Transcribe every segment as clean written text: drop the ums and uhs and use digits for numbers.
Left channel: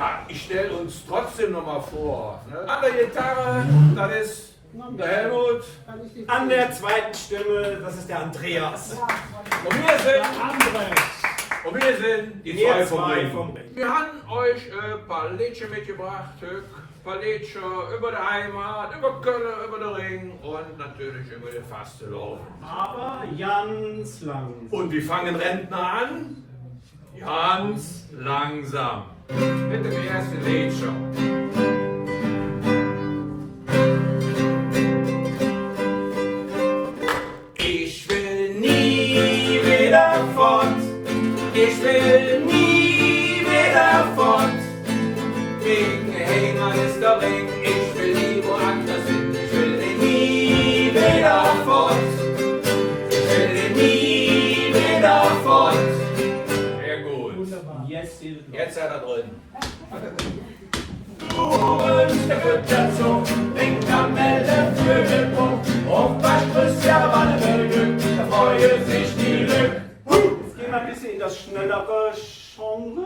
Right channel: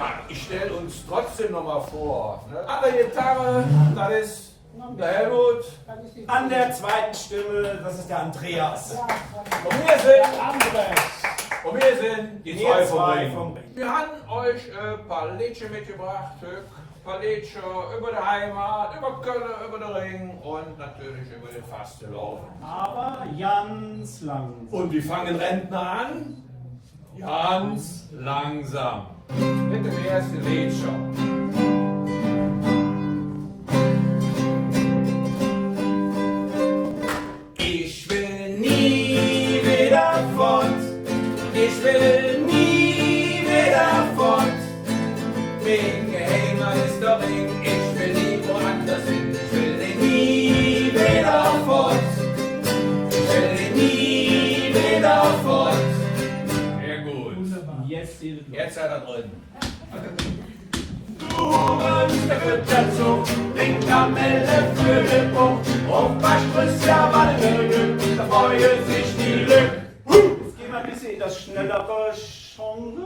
Ja, ich stelle uns trotzdem noch mal vor. Ne? An der Gitarre, das ist der Helmut. An der zweiten Stimme, das ist der Andreas. Und wir sind die Mir Zwei vom vum Rhing. Wir haben euch ein paar Liedchen mitgebracht. Ein paar Liedchen über die Heimat, über Kölner, über den Ring und natürlich über den Festcomitee. Aber ganz langsam. Und wie fangen Rentner an? Ganz langsam. Mit dem ersten Lied schon. Ich will nie wieder fort. Ich will nie wieder fort. Wegen Heimat ist der Ring. Ich will nie woanders hin. Ich will nie wieder fort. Ich will nie wieder fort. Sehr gut. Jetzt seid ihr drin. Der Ritter zu, den Kamelle für den Punkt. Auf Waschbrüste, ja, Wallwürgen, da freue sich die Lück. Jetzt gehen wir ein bisschen in das schnellere Genre.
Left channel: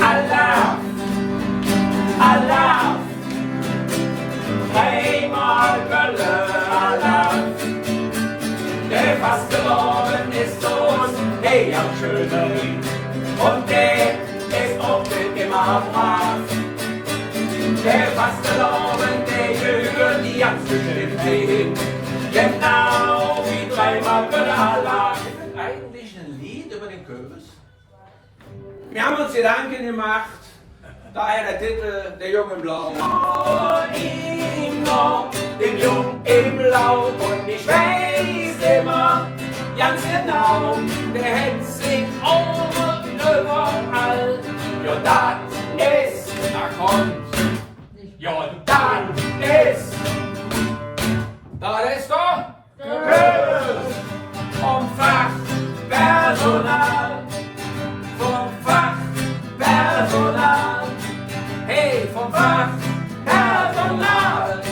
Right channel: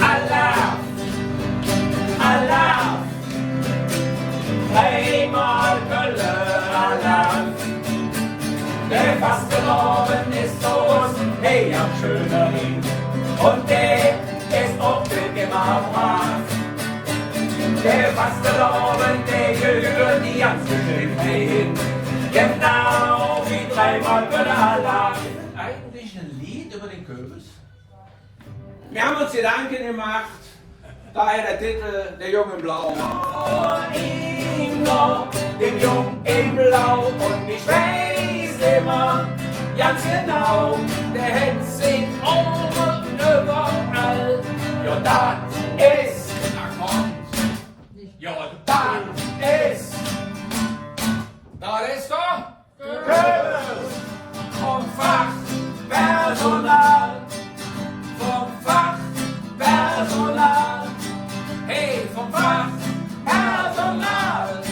Allah, Allah, dreimal Gölle, Allah. Der Festcomitee ist groß, hey, am schönen Ring. Und der ist auch nicht immer brav. Der Festcomitee gehört die ganz bestimmt hin. Genau wie dreimal Gölle, Allah. Ist das eigentlich ein Lied über den Kürbis? Wir haben uns Gedanken gemacht, daher der Titel Der Junge im Blau. Dem Jungen im Blau. Und ich weiß immer ganz genau, der hält sich und überall. Ja, das ist, da kommt. Ja, das ist doch Kürbis vom Fachpersonal. Vom Fachpersonal, hey, vom Fachpersonal.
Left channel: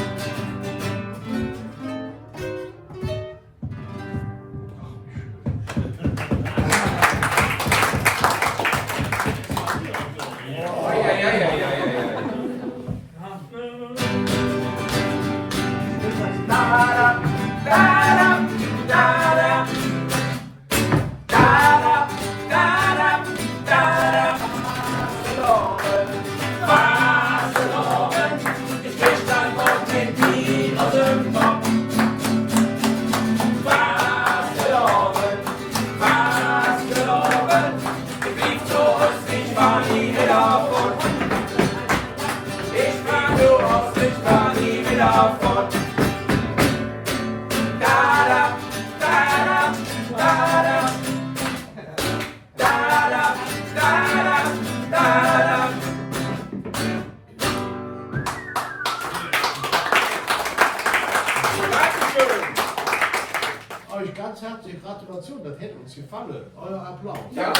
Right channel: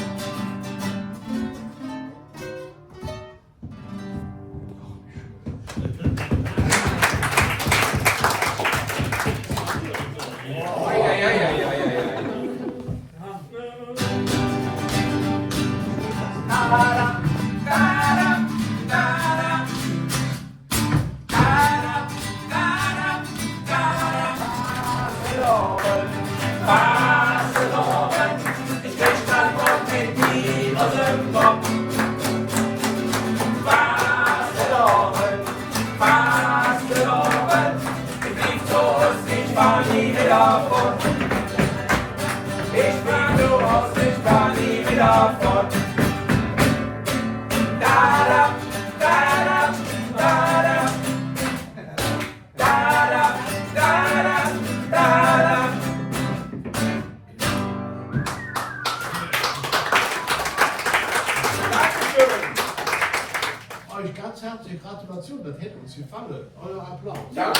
Euch ganz herzliche Gratulation, das hätte uns gefallen. Euer Applaus. Ja.